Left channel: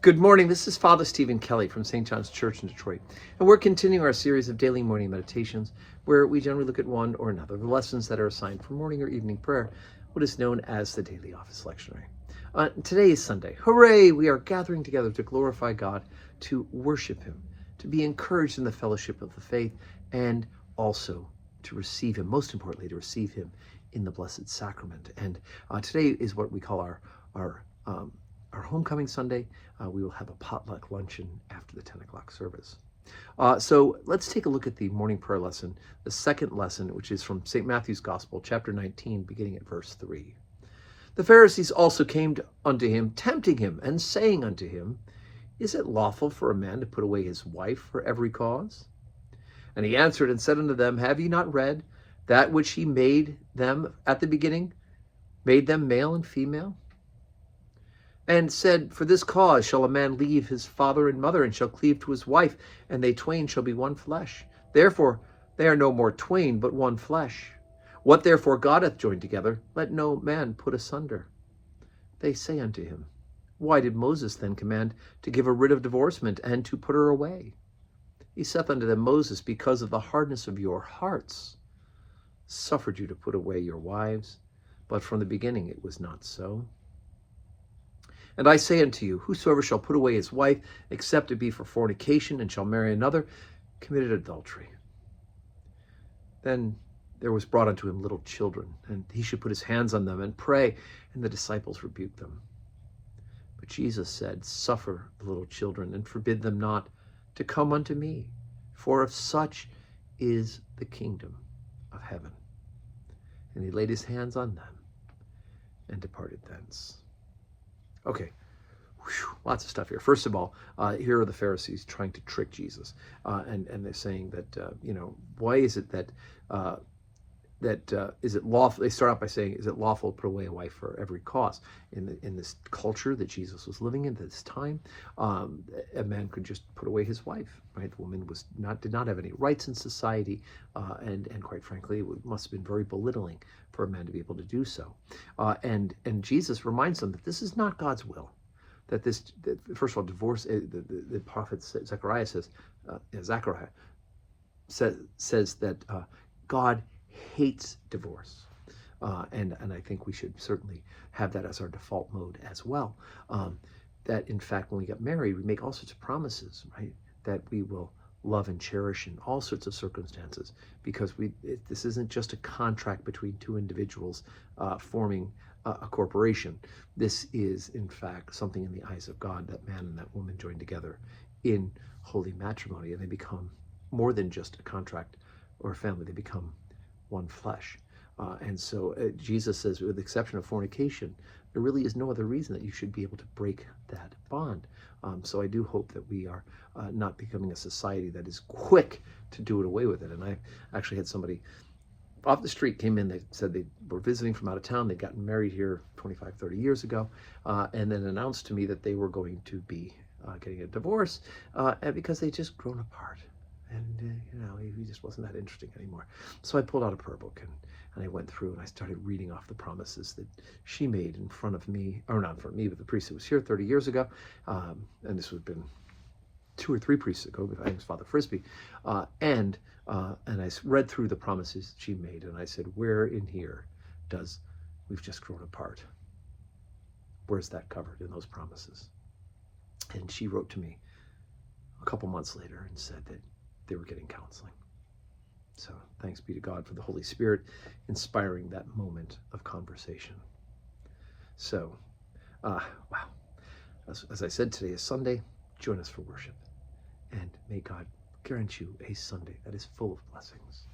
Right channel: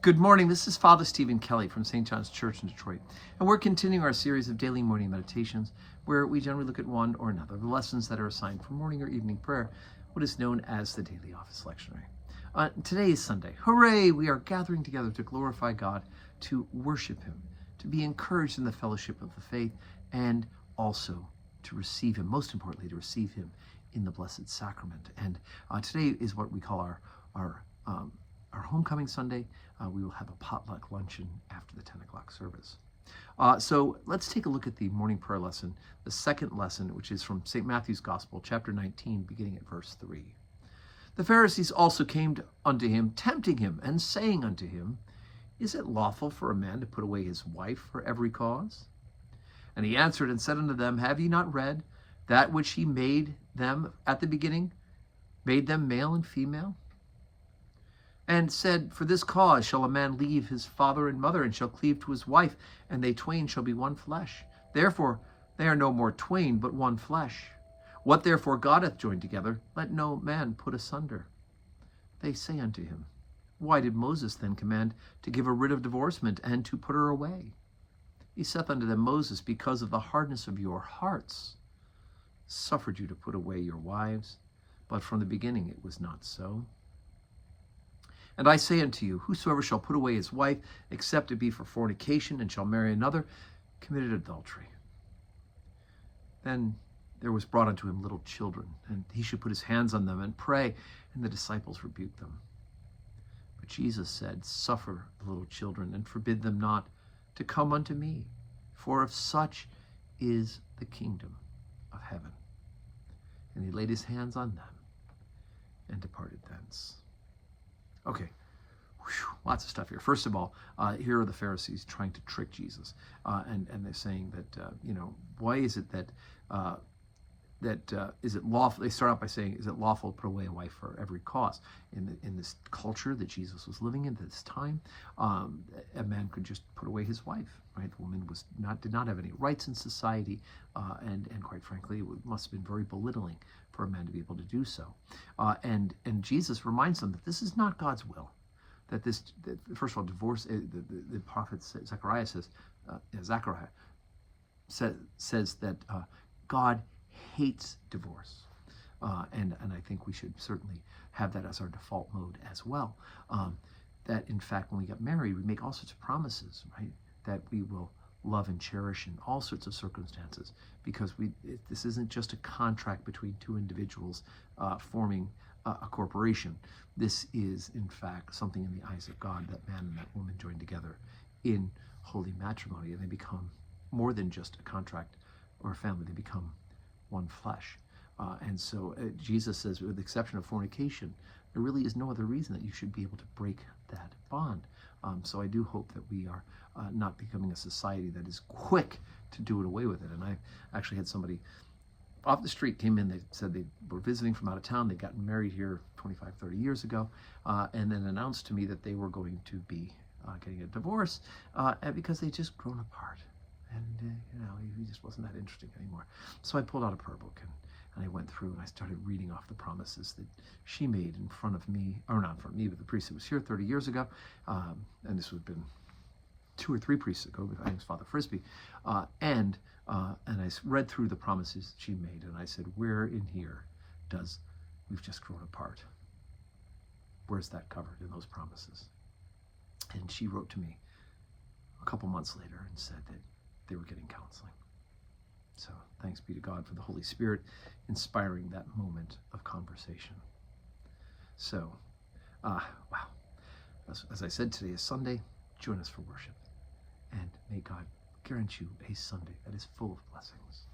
Good morning. This is Father Stephen Kelly from St. John's Church in Detroit, and we're continuing our series of daily morning meditations where we generally look at one or another of the lessons that are assigned for morning or evening prayer, what is known as the Daily Office Lectionary. Today is Sunday. Hooray! We are gathering together to glorify God, to worship Him, to be encouraged in the fellowship of the faith, and also to receive Him, most importantly, to receive Him in the Blessed Sacrament. And today is what we call our Homecoming Sunday. We will have a potluck luncheon after the 10 o'clock service. So let's take a look at the morning prayer lesson, the second lesson, which is from St. Matthew's Gospel, chapter 19, beginning at verse 3. The Pharisees also came unto him, tempting him, and saying unto him, Is it lawful for a man to put away his wife for every cause? And he answered and said unto them, Have ye not read that which he made them at the beginning, made them male and female? And said, For this cause shall a man leave his father and mother, and shall cleave to his wife, and they twain shall be one flesh. Therefore they are no more twain, but one flesh. What therefore God hath joined together, let no man put asunder. They say unto him, Why did Moses then command to give a writ of divorcement, and to put her away? He saith unto them, Moses, because of the hardness of your hearts, suffered you to put away your wives, but from the beginning it was not so. And I say unto you, whosoever shall put away his wife, except it be for fornication, and shall marry another, committed adultery. Then there was brought unto him little children, and he should put his hands on them and pray, and the disciples rebuked them. But Jesus said, Suffer the little children, and forbid them not to come unto me, for of such is the kingdom of heaven. And he laid his hands on them, and departed thence. Okay, lots of stuff here. First of all, here are the Pharisees trying to trick Jesus, and they're saying that why is it that is it lawful? They start out by saying, is it lawful to put away a wife for every cause? In this culture that Jesus was living in at this time, a man could just put away his wife. Right, the woman did not have any rights in society, and quite frankly, it must have been very belittling for a man to be able to do so. And Jesus reminds them that this is not God's will. That first of all, divorce. The prophet Zechariah says that God hates divorce, and I think we should certainly have that as our default mode as well. That in fact, when we get married, we make all sorts of promises, right? That we will love and cherish in all sorts of circumstances, because this isn't just a contract between two individuals forming a corporation. This is, in fact, something in the eyes of God, that man and that woman join together in holy matrimony, and they become more than just a contract or a family. They become one flesh. And so Jesus says, with the exception of fornication, there really is no other reason that you should be able to break that bond. So I do hope that we are not becoming a society that is quick to do it away with it. And I actually had somebody off the street came in. They said they were visiting from out of town. They'd gotten married here 25, 30 years ago, and then announced to me that they were going to be getting a divorce because they'd just grown apart. And, he just wasn't that interesting anymore. So I pulled out a prayer book and I went through and I started reading off the promises that she made in front of me, or not in front of me, but the priest who was here 30 years ago. And this would have been 2 or 3 priests ago. I think it was Father Frisbee. And I read through the promises she made, and I said, where in here does we've just grown apart? Where's that covered in those promises? And she wrote to me a couple months later and said that they were getting counseling. So thanks be to God for the Holy Spirit inspiring that moment of conversation. So, wow. As I said, today is Sunday. Join us for worship. And may God grant you a Sunday that is full of blessings.